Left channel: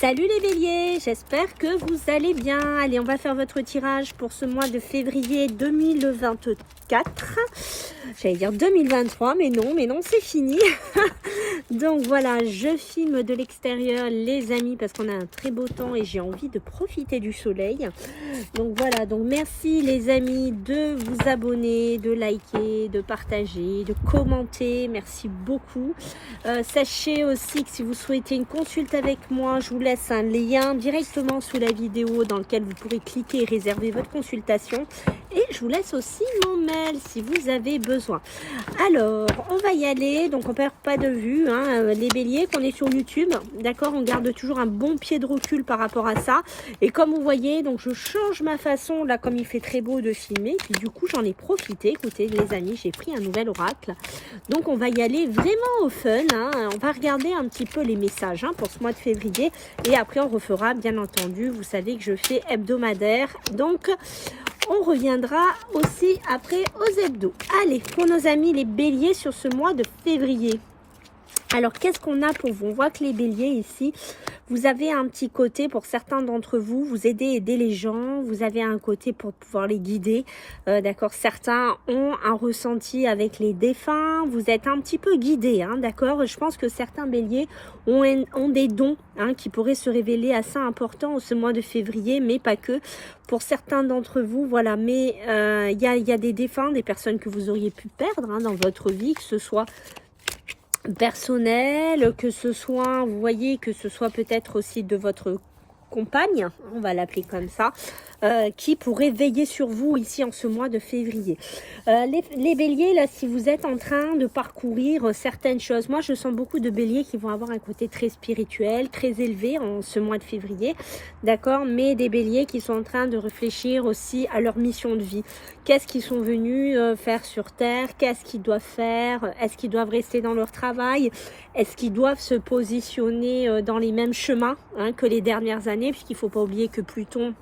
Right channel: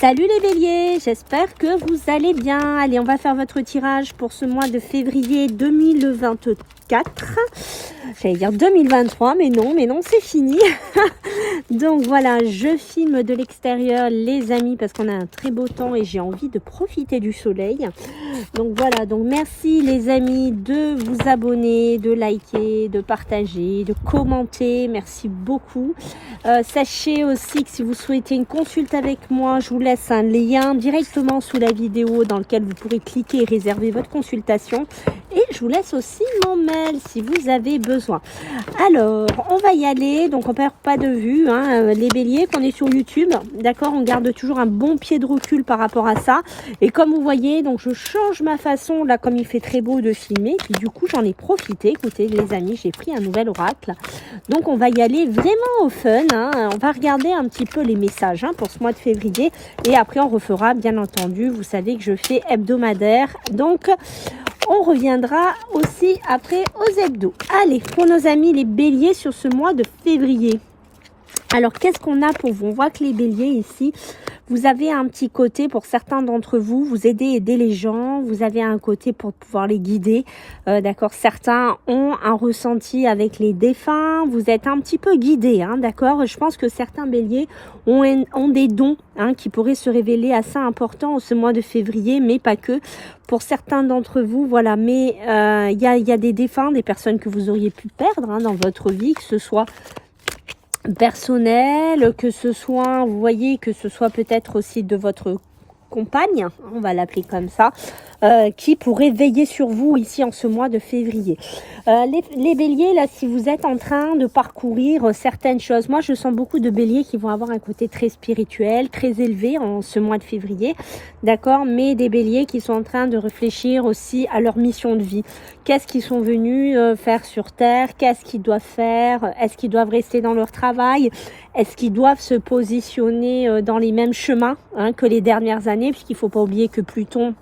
Salut les béliers, j'espère que vous allez bien. Allez, on va faire votre tirage pour ce mois de février 2024. J'allais dire 2023, mais non, c'est fini. Donc voilà, je filme de l'extérieur les amis parce qu'on a un très beau temps et j'ai envie de profiter du soleil. Donc voilà, donc merci les amis de vous abonner, de liker, de partager, de commenter. Merci beaucoup. Sachez aussi que si vous souhaitez une consulte avec moi, je vous laisse un lien directement sous la vidéo dans lequel vous pourrez cliquer et réserver votre consultation. Et je vous laisse aussi mon mail si vous avez besoin. Alors, on va y aller. Donc, on perd pas de vue, hein, les béliers, qu'on est sur YouTube. D'accord, on garde toujours un bon pied de recul par rapport à ça. Et comme vous voyez, donc je change ma façon, là, comme il fait très beau de filmer. Puis du coup, j'en ai profité. Écoutez, les amis, j'ai pris un nouvel oracle. Donc, on va y aller vraiment au fun. Hein. On va regarder un petit peu les messages hein, pour ce mois de février. Et après, on refera, bien entendu, vous savez que je fais hebdomadaire. Donc, on reviendra aussi après aux hebdos. Allez, pour nos amis les béliers sur ce mois de février. Alors, qu'est-ce qu'on a pour vous? On voit que les béliers ici, vous avez un petit côté pour certains d'entre vous, vous aider les gens, vous avez un côté pour pouvoir les guider, d'accord. Certains ont un ressenti avec les défunts, vous êtes un petit peu guidés, hein, d'accord. Je pense que certains béliers ont des dons hein, qui pourraient se révéler assez importants en ce mois de février, mais pas que. Pour certains d'entre vous, voilà, mais il y a des défunts, des personnes que vous auriez pu perdre hein, dans votre vie, que ce soit personnel, que ce soit, vous voyez, que ce soit peut-être aussi de votre compagne, on va l'appeler comme ça, qui pourrait veiller sur vous ici en ce mois de février. Les béliers, là, si vous êtes en train de parcourir certaines choses, moi je sens beaucoup de béliers qui vont avoir un côté très spirituel, très élevé en ce mois de février, d'accord, mais des béliers qui sont en train de réfléchir aussi à leur mission de vie. Qu'est-ce qu'ils sont venus faire sur Terre? Qu'est-ce qu'ils doivent faire? Est-ce qu'ils doivent rester dans leur travail? Est-ce qu'ils doivent se positionner dans les mêmes chemins hein, que les dernières années? Puisqu'il ne faut pas oublier que Pluton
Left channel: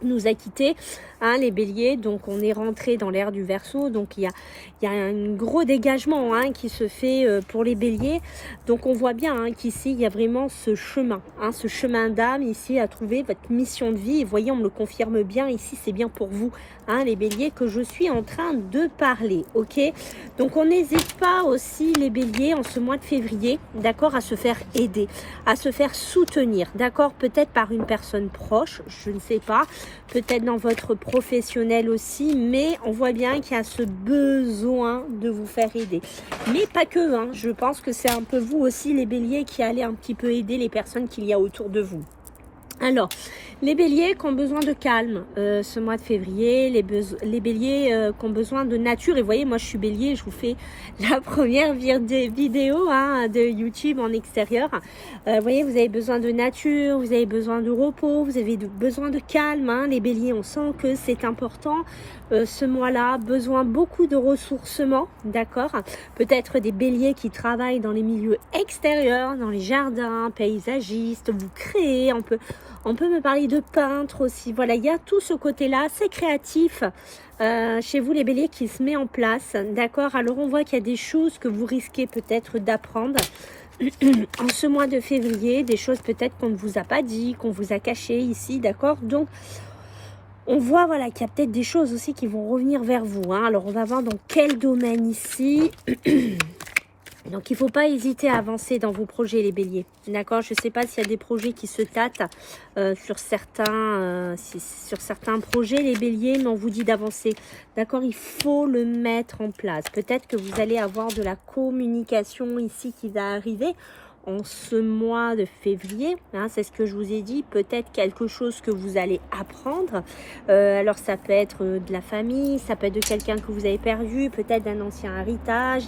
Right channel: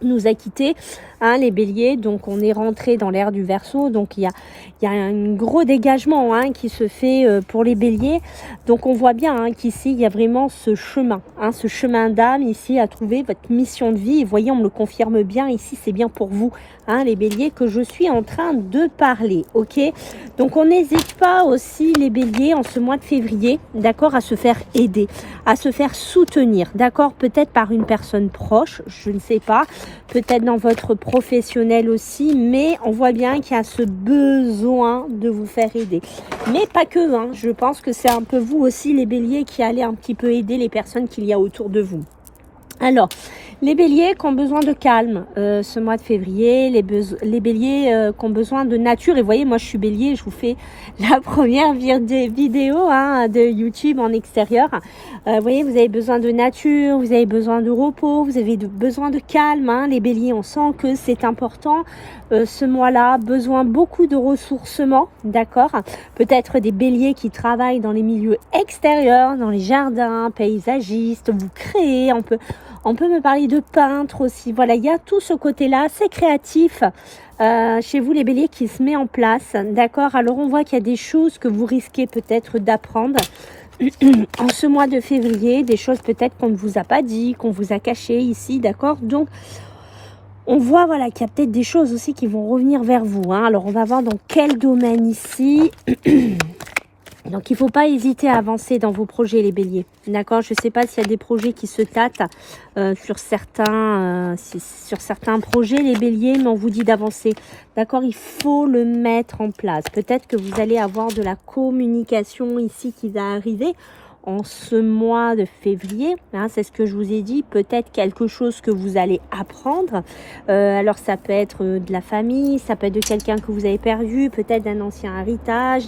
nous a quittés, hein, les béliers, donc on est rentré dans l'ère du Verseau, donc il y a un gros dégagement hein, qui se fait pour les béliers, donc on voit bien hein, qu'ici il y a vraiment ce chemin d'âme ici à trouver votre mission de vie, et voyez on me le confirme bien ici, c'est bien pour vous hein, les béliers que je suis en train de parler, ok. Donc on n'hésite pas aussi les béliers en ce mois de février, d'accord, à se faire aider, à se faire soutenir, d'accord, peut-être par une personne proche, je ne sais pas, peut-être dans votre professionnel aussi, mais on voit bien qu'il y a ce besoin de vous faire aider. Mais pas que, hein, je pense que c'est un peu vous aussi les béliers qui allez un petit peu aider les personnes qu'il y a autour de vous. Alors, les béliers qui ont besoin de calme ce mois de février, les béliers qui ont besoin de nature, et vous voyez, moi je suis bélier, je vous fais la première vidéo hein, de YouTube en extérieur. Vous voyez, vous avez besoin de nature, vous avez besoin de repos, vous avez besoin de calme. Hein, les béliers, on sent que c'est important ce mois-là, besoin beaucoup de ressourcement, d'accord. Peut-être des béliers qui travaillent dans les milieux extérieurs, dans les jardins, paysagistes, vous créez, on peut me parler de peintre aussi. Voilà, il y a tout ce côté-là, c'est créatif chez vous les béliers qui se met en place. D'accord, alors on voit qu'il y a des choses que vous risquez peut-être d'apprendre en ce mois de février. Des choses peut-être qu'on ne vous a pas dit, qu'on vous a caché ici. D'accord, donc on voit voilà, qu'il y a peut-être des choses aussi qui vont revenir vers vous. Hein. Alors on va voir dans quel domaine ici. Donc, il ne faut pas hésiter à avancer dans vos projets, les béliers. D'accord? Je ne sais pas s'il y a des projets qui se tâtent sur certains projets, les béliers, mais on vous dit d'avancer. D'accord? Il faut le mettre en place. Peut-être que vous allez avoir de la communication ici qui va arriver en ce mois de février, hein, c'est ce que je vous ai dit, peut-être quelque chose que vous allez apprendre, alors ça peut être de la famille, ça peut être de quelqu'un que vous avez perdu, peut-être d'un ancien héritage,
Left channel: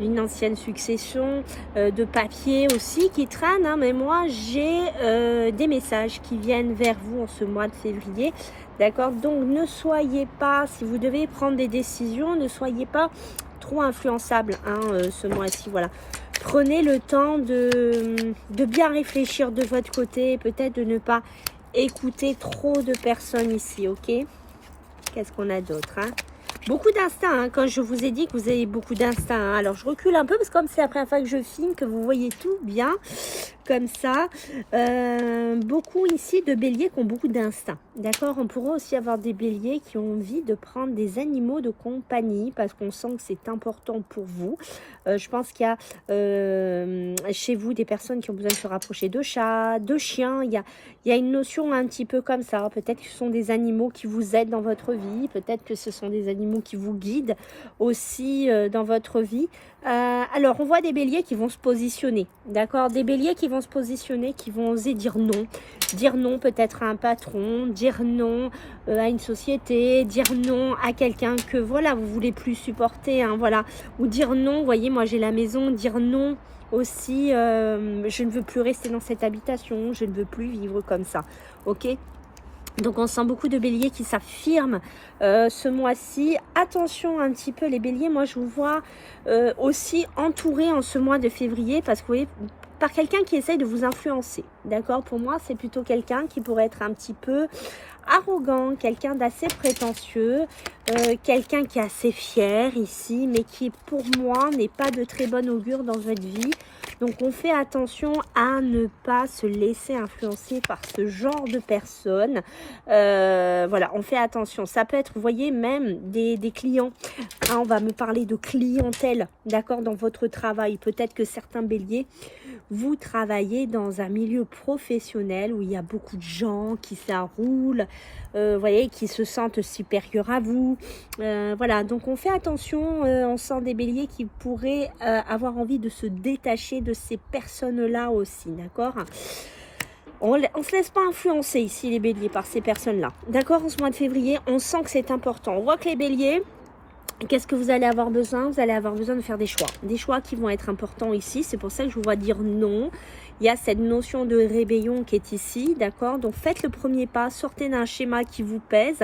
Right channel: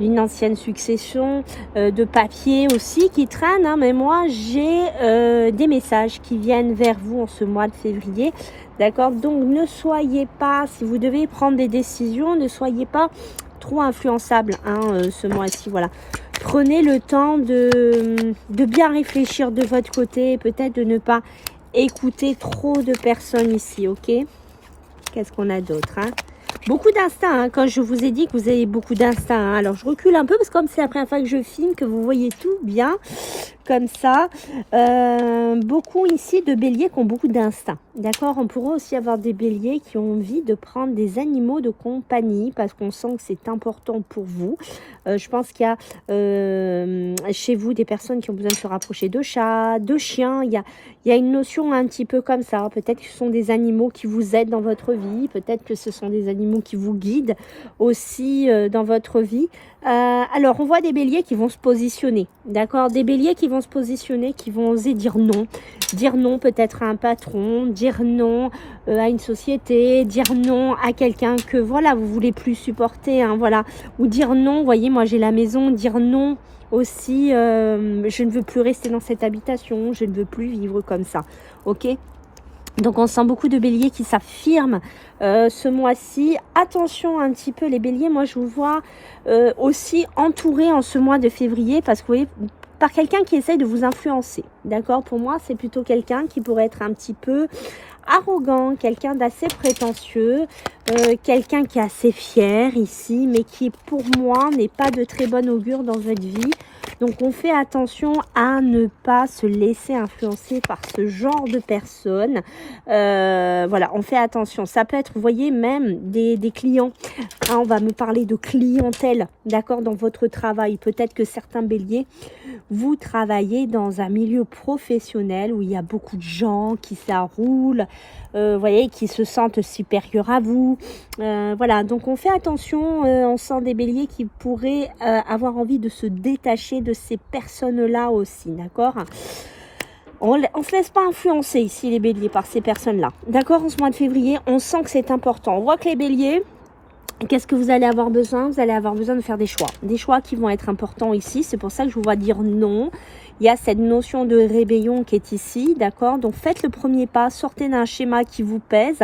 d'une ancienne succession, de papier aussi qui traîne, hein, mais moi j'ai des messages qui viennent vers vous en ce mois de février, d'accord, donc ne soyez pas, si vous devez prendre des décisions, ne soyez pas trop influençable hein, ce mois-ci, voilà. Prenez le temps de bien réfléchir de votre côté, peut-être de ne pas écouter trop de personnes ici, ok? Qu'est-ce qu'on a d'autre hein? Beaucoup d'instinct, hein, quand je vous ai dit que vous avez beaucoup d'instinct. Hein. Alors, je recule un peu parce que comme c'est la première fois que je filme, que vous voyez tout bien, comme ça. Beaucoup ici de béliers qui ont beaucoup d'instinct. D'accord, on pourrait aussi avoir des béliers qui ont envie de prendre des animaux de compagnie parce qu'on sent que c'est important pour vous. Je pense qu'il y a chez vous des personnes qui ont besoin de se rapprocher de chats, de chiens. Il y a une notion un petit peu comme ça. Peut-être que ce sont des animaux qui vous aident dans votre vie. Peut-être que ce sont des animaux qui vous guident aussi dans votre vie. Alors, on voit des béliers qui vont se positionner. D'accord, des béliers qui vont se positionner, qui vont oser dire non. Dire non peut-être à un patron, dire non à une société, dire non à quelqu'un que voilà vous voulez plus supporter, hein, voilà, ou dire non. Vous voyez, moi j'ai la maison, dire non aussi. Je ne veux plus rester dans cette habitation, je ne veux plus vivre comme ça. Ok. Donc on sent beaucoup de béliers qui s'affirment ce mois-ci. Attention un petit peu les béliers, moi je vous vois aussi entourés en ce mois de février parce que vous voyez, par quelqu'un qui essaye de vous influencer. D'accord, pour moi c'est plutôt quelqu'un qui pourrait être un petit peu arrogant, quelqu'un d'assez prétentieux, quelqu'un qui est assez fier ici, mais qui pour moi n'est pas de très bon augure dans votre vie. Donc on fait attention à ne pas se laisser influencer par ce genre de personnes. Voilà, on fait attention. Ça peut être, vous voyez, même des clients. Hein, on va me parler de clientèle, d'accord, dans votre travail. Peut-être que certains béliers, vous travaillez dans un milieu professionnel où il y a beaucoup de gens qui s'arroulent, vous voyez, qui se sentent supérieurs à vous. Voilà, donc on fait attention, on sent des béliers qui pourraient avoir envie de se détacher de ces personnes-là aussi, d'accord. On ne se laisse pas influencer ici les béliers par ces personnes-là, d'accord. En ce mois de février, on sent que c'est important. On voit que les béliers, qu'est-ce que vous allez avoir besoin? Vous allez avoir besoin de faire des choix qui vont être importants ici. C'est pour ça que je vous vois dire non. Il y a cette notion de rébellion qui est ici, d'accord. Donc faites le premier pas, sortez d'un schéma qui vous pèse.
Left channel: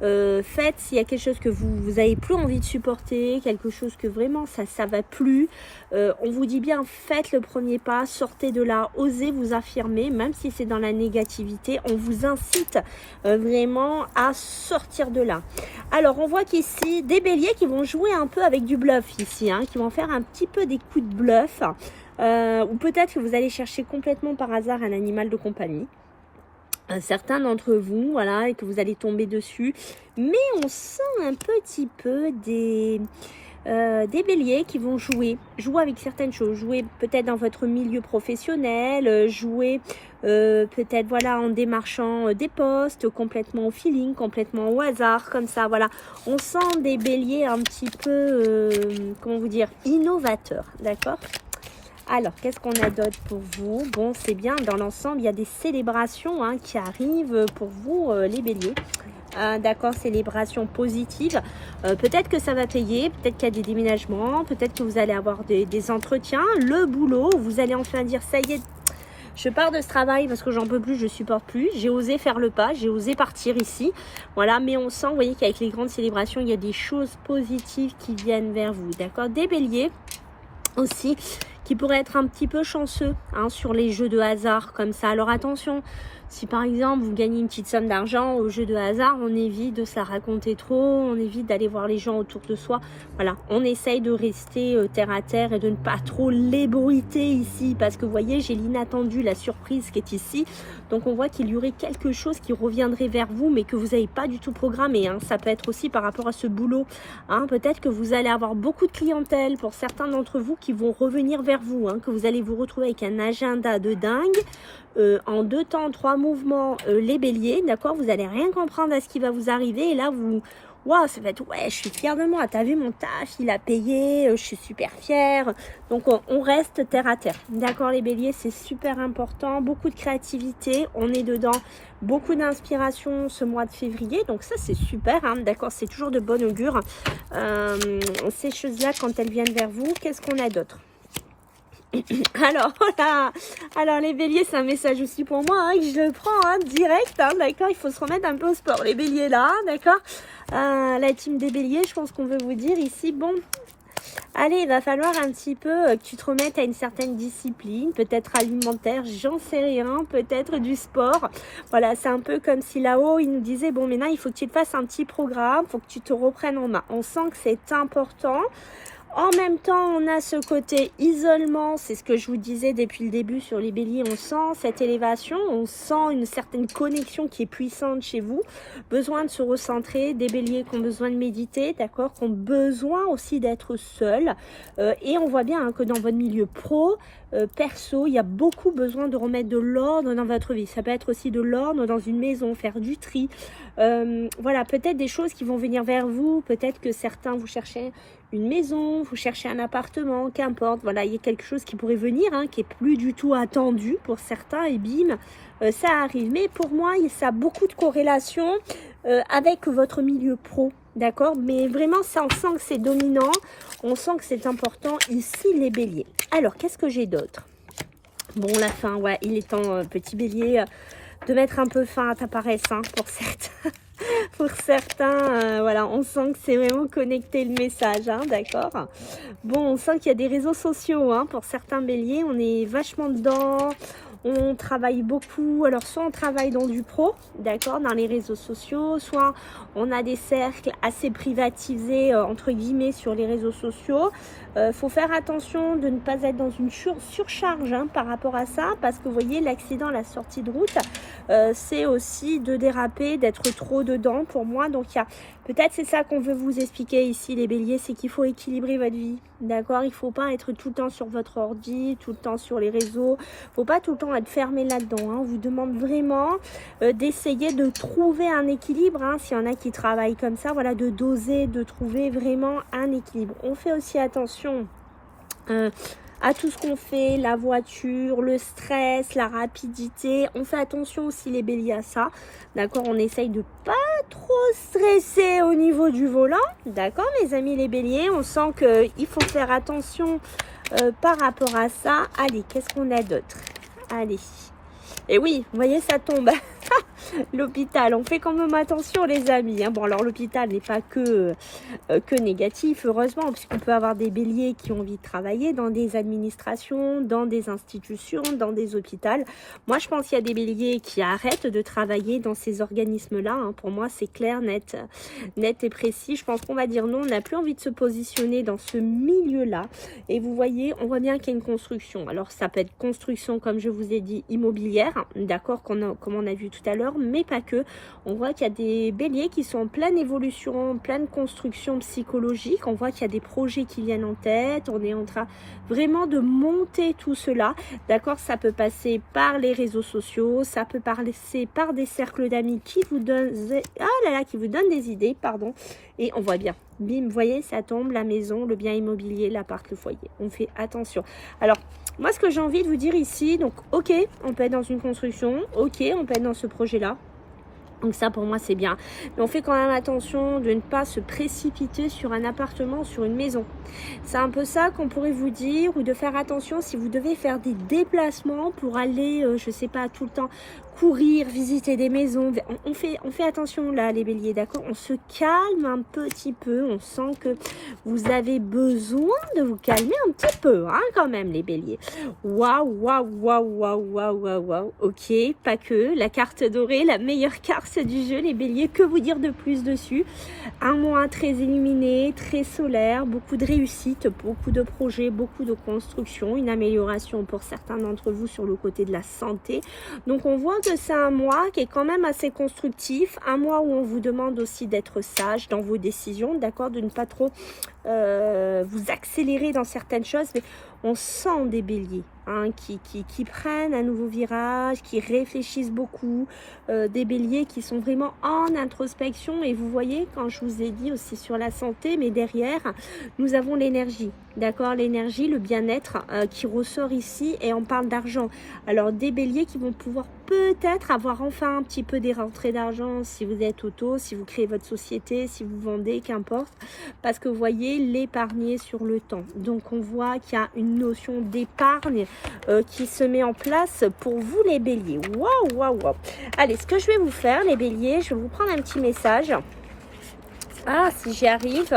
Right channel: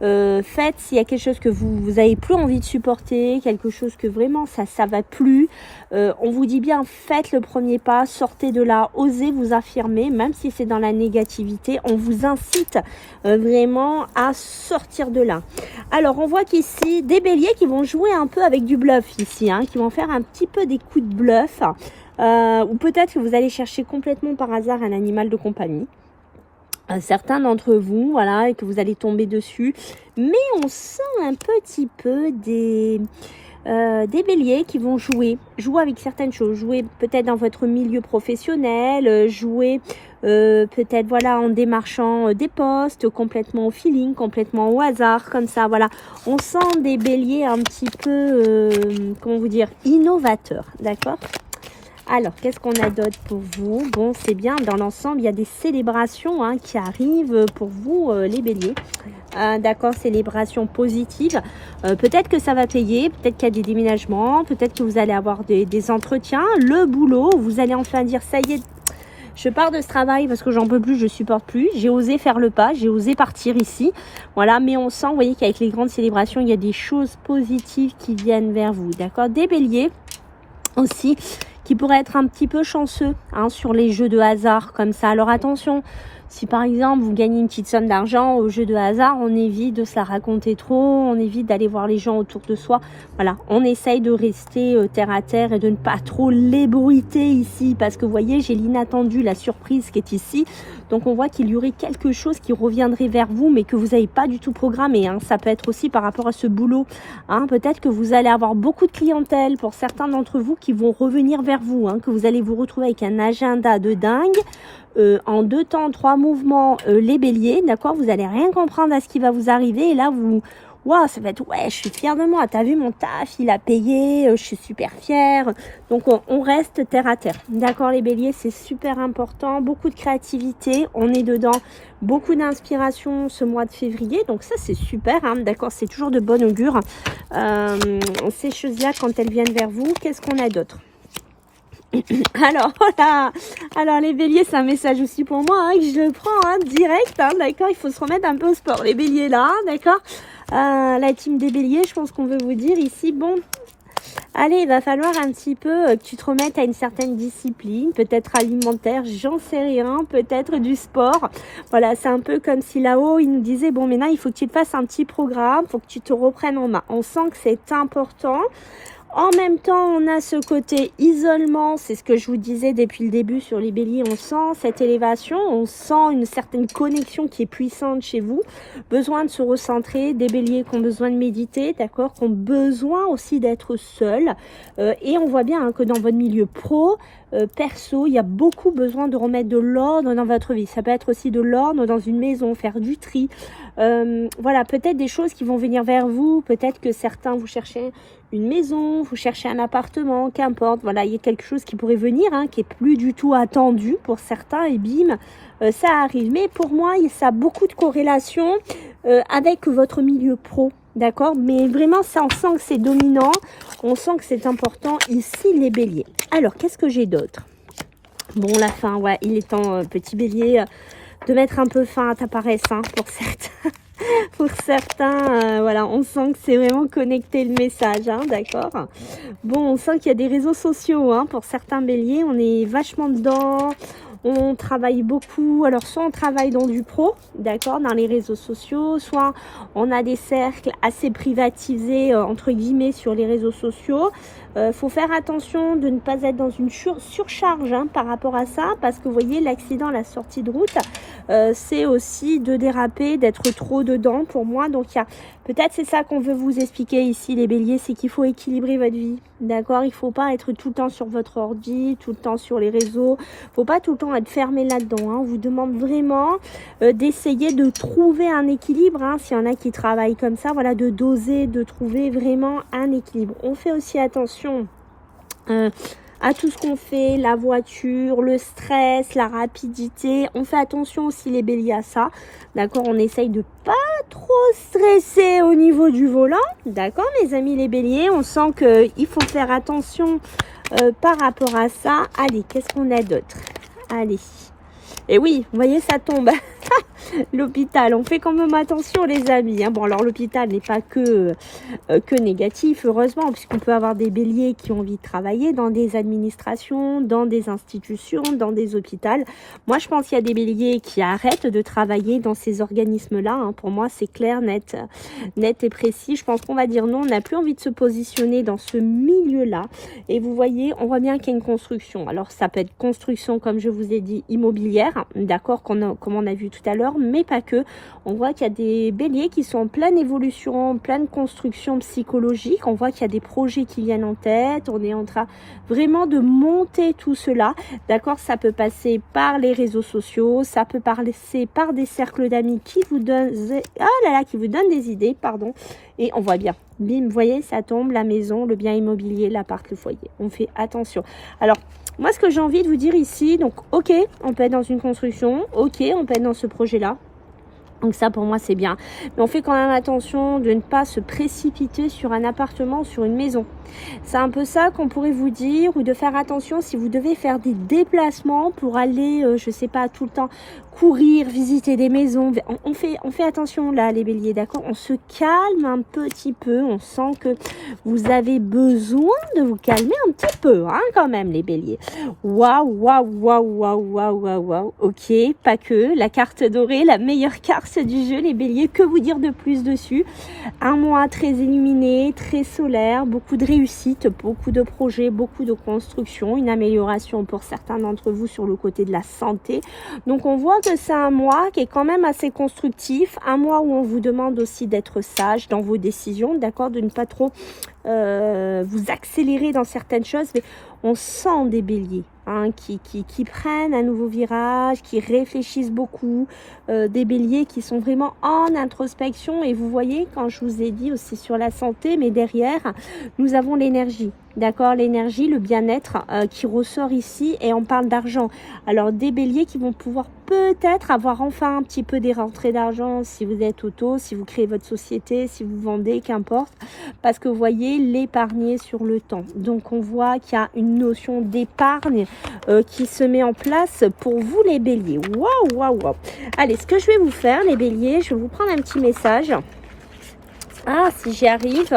Faites s'il y a quelque chose que vous avez plus envie de supporter, quelque chose que vraiment ça va plus. On vous dit bien, faites le premier pas, sortez de là, osez vous affirmer, même si c'est dans la négativité. On vous incite vraiment à sortir de là. Alors on voit qu'ici des béliers qui vont jouer un peu avec du bluff ici, hein, qui vont faire un petit peu des coups de bluff. Ou peut-être que vous allez chercher complètement par hasard un animal de compagnie. Certains d'entre vous, voilà, et que vous allez tomber dessus. Mais on sent un petit peu des béliers qui vont jouer avec certaines choses, jouer peut-être dans votre milieu professionnel, jouer peut-être voilà en démarchant des postes, complètement au feeling, complètement au hasard, comme ça, voilà. On sent des béliers un petit peu, comment vous dire, innovateurs, d'accord. Alors, qu'est-ce qu'on a d'autre pour vous? Bon, c'est bien, dans l'ensemble, il y a des célébrations hein, qui arrivent pour vous, les béliers. D'accord, célébration positive. Peut-être que ça va payer, peut-être qu'il y a des déménagements, peut-être que vous allez avoir des entretiens, le boulot, vous allez enfin dire, ça y est, je pars de ce travail parce que j'en peux plus, je supporte plus. J'ai osé faire le pas, j'ai osé partir ici. Voilà, mais on sent, vous voyez, qu'avec les grandes célébrations, il y a des choses positives qui viennent vers vous. D'accord, des béliers aussi qui pourraient être un petit peu chanceux hein, sur les jeux de hasard comme ça. Alors attention, si par exemple vous gagnez une petite somme d'argent au jeu de hasard, on évite de se la raconter trop, on évite d'aller voir les gens autour de soi. Voilà, on essaye de rester terre à terre et de ne pas trop l'ébruiter ici parce que vous voyez, j'ai l'inattendu, la surprise qui est ici. Donc on voit qu'il y aurait quelque chose qui reviendrait vers vous mais que vous n'avez pas du tout programmé. Hein. Ça peut être aussi par rapport à ce boulot. Hein. Peut-être que vous allez avoir beaucoup de clientèle pour certains d'entre vous qui vont revenir vers vous. Hein. Que vous allez vous retrouver avec un agenda de dingue. En 2 temps, 3 mouvements, les béliers, d'accord, vous allez rien comprendre à ce qui va vous arriver et là vous, waouh, ça va être, ouais, je suis fière de moi, t'as vu mon taf, il a payé, je suis super fière. Donc on reste terre à terre, d'accord les béliers, c'est super important, beaucoup de créativité, on est dedans, beaucoup d'inspiration ce mois de février, donc ça c'est super, hein, d'accord, c'est toujours de bon augure, ces choses-là quand elles viennent vers vous. Qu'est-ce qu'on a d'autre? Alors voilà, alors les béliers c'est un message aussi pour moi hein, que je prends hein, direct, hein, d'accord, il faut se remettre un peu au sport les béliers là, d'accord, la team des béliers, je pense qu'on veut vous dire ici, bon, allez, il va falloir un petit peu que tu te remettes à une certaine discipline, peut-être alimentaire, j'en sais rien, peut-être du sport. Voilà, c'est un peu comme si là-haut, il nous disait, bon, maintenant, il faut que tu te fasses un petit programme, il faut que tu te reprennes en main. On sent que c'est important. En même temps, on a ce côté isolement, c'est ce que je vous disais depuis le début sur les béliers, on sent cette élévation, on sent une certaine connexion qui est puissante chez vous, besoin de se recentrer, des béliers qui ont besoin de méditer, d'accord, qui ont besoin aussi d'être seuls, et on voit bien hein, que dans votre milieu pro, perso, il y a beaucoup besoin de remettre de l'ordre dans votre vie. Ça peut être aussi de l'ordre dans une maison, faire du tri, voilà, peut-être des choses qui vont venir vers vous, peut-être que certains vous cherchez une maison, vous cherchez un appartement, qu'importe, voilà, il y a quelque chose qui pourrait venir, hein, qui est plus du tout attendu pour certains, et bim, ça arrive. Mais pour moi, ça a beaucoup de corrélation avec votre milieu pro, d'accord? Mais vraiment, ça, on sent que c'est dominant, on sent que c'est important ici, les béliers. Alors, qu'est-ce que j'ai d'autre? Bon, la fin, ouais, il est temps, petit bélier, de mettre un peu fin à ta paresse, hein, pour certains. Pour certains, voilà, on sent que c'est vraiment connecté le message, hein, d'accord. Bon, on sent qu'il y a des réseaux sociaux, hein, pour certains béliers, on est vachement dedans, on travaille beaucoup. Alors, soit on travaille dans du pro, d'accord, dans les réseaux sociaux, soit on a des cercles assez privatisés, entre guillemets, sur les réseaux sociaux. Faut faire attention de ne pas être dans une surcharge hein, par rapport à ça, parce que vous voyez, l'accident, la sortie de route, c'est aussi de déraper, d'être trop dedans pour moi. Donc, il y a peut-être c'est ça qu'on veut vous expliquer ici, les béliers, c'est qu'il faut équilibrer votre vie, d'accord? Il ne faut pas être tout le temps sur votre ordi, tout le temps sur les réseaux, il ne faut pas tout le temps être fermé là-dedans. Hein. On vous demande vraiment d'essayer de trouver un équilibre, hein, s'il y en a qui travaillent comme ça, voilà, de doser, de trouver vraiment un équilibre. On fait aussi attention à tout ce qu'on fait, la voiture, le stress, la rapidité. On fait attention aussi les béliers à ça, d'accord? On essaye de pas trop stresser au niveau du volant, d'accord mes amis les béliers? On sent qu'il faut faire attention par rapport à ça. Allez, qu'est-ce qu'on a d'autre? Allez. Et oui, vous voyez, ça tombe. L'hôpital, on fait quand même attention les amis. Hein. Bon, alors l'hôpital n'est pas que négatif, heureusement, puisqu'on peut avoir des béliers qui ont envie de travailler dans des administrations, dans des institutions, dans des hôpitaux. Moi, je pense qu'il y a des béliers qui arrêtent de travailler dans ces organismes-là. Hein. Pour moi, c'est clair, net et précis. Je pense qu'on va dire non, on n'a plus envie de se positionner dans ce milieu-là. Et vous voyez, on voit bien qu'il y a une construction. Alors, ça peut être construction, comme je vous ai dit, immobilière, d'accord, comme on a vu tout à l'heure, mais pas que. On voit qu'il y a des béliers qui sont en pleine évolution, en pleine construction psychologique. On voit qu'il y a des projets qui viennent en tête. On est en train vraiment de monter tout cela. D'accord, ça peut passer par les réseaux sociaux, ça peut passer par des cercles d'amis qui vous donnent, qui vous donnent des idées, pardon. Et on voit bien, bim, vous voyez, ça tombe, la maison, le bien immobilier, l'appart, le foyer. On fait attention. Alors, moi, ce que j'ai envie de vous dire ici, donc, ok, on peut être dans une construction, ok, on peut être dans ce projet-là. Donc ça, pour moi, c'est bien. Mais on fait quand même attention de ne pas se précipiter sur un appartement, sur une maison. C'est un peu ça qu'on pourrait vous dire, ou de faire attention si vous devez faire des déplacements pour aller, je sais pas, tout le temps courir, visiter des maisons. On fait attention là, les béliers, d'accord? On se calme un petit peu. On sent que vous avez besoin de vous calmer un petit peu, hein, quand même, les béliers. Waouh, waouh, waouh, waouh, waouh, waouh, waouh. Ok, pas que. La carte dorée, la meilleure carte du jeu, les béliers. Que vous dire de plus dessus? Un mois très illuminé, très solaire, beaucoup de réussite, beaucoup de projets, beaucoup de construction, une amélioration pour certains d'entre vous sur le côté de la santé. Donc, on voit que c'est un mois qui est quand même assez constructif, un mois où on vous demande aussi d'être sage dans vos décisions, d'accord, de ne pas trop vous accélérer dans certaines choses, mais on sent des béliers hein, qui prennent un nouveau virage, qui réfléchissent beaucoup, des béliers qui sont vraiment en introspection. Et vous voyez, quand je vous ai dit aussi sur la santé, mais derrière, nous avons l'énergie, d'accord, l'énergie, le bien-être qui ressort ici, et on parle d'argent. Alors, des béliers qui vont pouvoir peut-être avoir enfin un petit peu des rentrées d'argent si vous êtes auto, si vous créez votre société, si vous vendez, qu'importe, parce que vous voyez, l'épargner sur le temps. Donc, on voit qu'il y a une notion d'épargne qui se met en place pour vous, les béliers. Waouh, waouh, waouh. Allez, ce que je vais vous faire, les béliers, je vais vous prendre un petit message. Ah, si j'y arrive.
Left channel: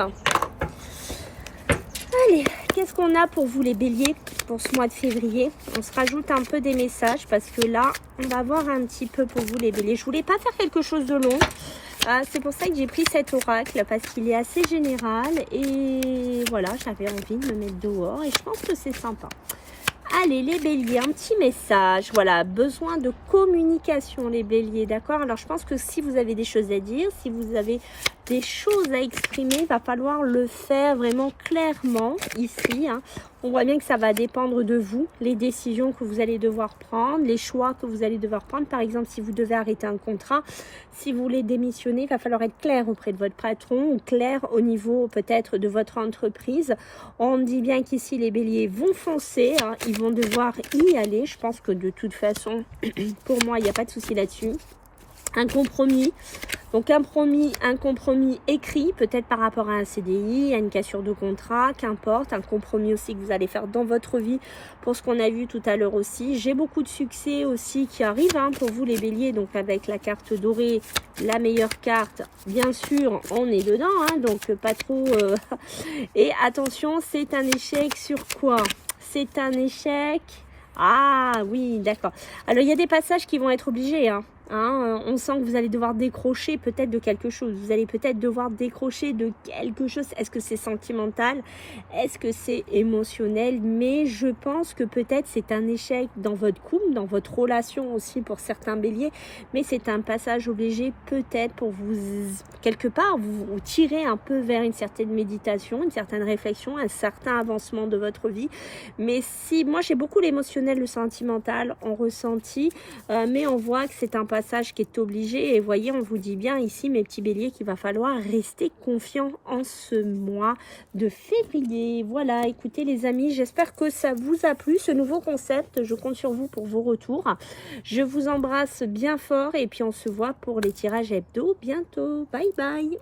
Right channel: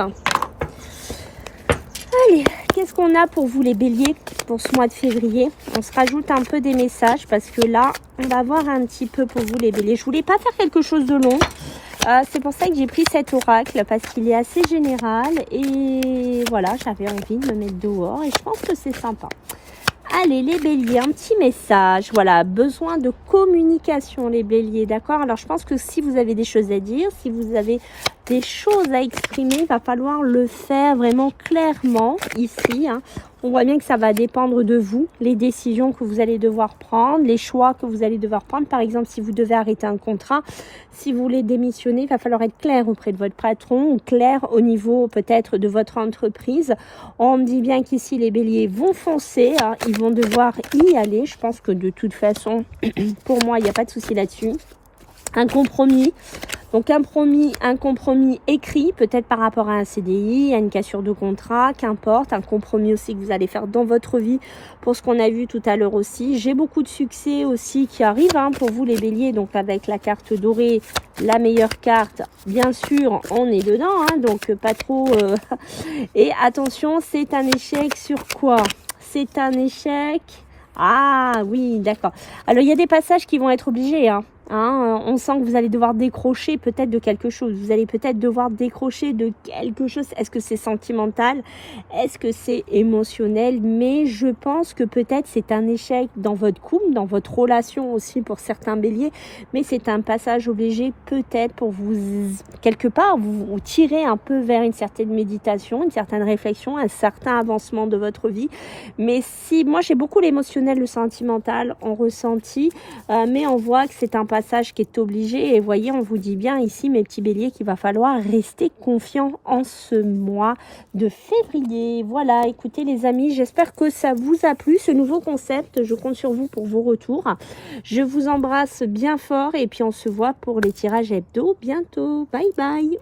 Allez, qu'est-ce qu'on a pour vous, les béliers, pour ce mois de février? On se rajoute un peu des messages parce que là, on va voir un petit peu pour vous, les béliers. Je voulais pas faire quelque chose de long C'est pour ça que j'ai pris cet oracle, parce qu'il est assez général. Et voilà, j'avais envie de me mettre dehors et je pense que c'est sympa. Allez, les béliers, un petit message. Voilà, besoin de communication, les béliers, d'accord? Alors, je pense que si vous avez des choses à dire, si vous avez des choses à exprimer, il va falloir le faire vraiment clairement ici, hein. On voit bien que ça va dépendre de vous, les décisions que vous allez devoir prendre, les choix que vous allez devoir prendre. Par exemple, si vous devez arrêter un contrat, si vous voulez démissionner, il va falloir être clair auprès de votre patron ou clair au niveau peut-être de votre entreprise. On me dit bien qu'ici, les béliers vont foncer, hein, ils vont devoir y aller. Je pense que de toute façon, pour moi, il n'y a pas de souci là-dessus. Un compromis. Donc un compromis écrit, peut-être par rapport à un CDI, à une cassure de contrat, qu'importe. Un compromis aussi que vous allez faire dans votre vie pour ce qu'on a vu tout à l'heure aussi. J'ai beaucoup de succès aussi qui arrive, hein, pour vous les béliers. Donc avec la carte dorée, la meilleure carte, bien sûr, on est dedans, hein, donc pas trop. Et attention, c'est un échec sur quoi? C'est un échec... Ah oui, d'accord. Alors il y a des passages qui vont être obligés, hein. On sent que vous allez devoir décrocher peut-être de quelque chose. Vous allez peut-être devoir décrocher de quelque chose. Est-ce que c'est sentimental? Est-ce que c'est émotionnel? Mais je pense que peut-être c'est un échec dans votre couple, dans votre relation aussi pour certains béliers. Mais c'est un passage obligé peut-être pour vous, quelque part, vous tirer un peu vers une certaine méditation, une certaine réflexion, un certain avancement de votre vie. Mais si, moi j'ai beaucoup l'émotionnel, le sentimental en ressenti, mais on voit que c'est un passage qui est obligé. Et voyez, on vous dit bien ici, mes petits béliers, qu'il va falloir rester confiant en ce mois de février. Voilà, écoutez les amis, j'espère que ça vous a plu, ce nouveau concept. Je compte sur vous pour vos retours. Je vous embrasse bien fort et puis on se voit pour les tirages hebdo bientôt. Bye bye.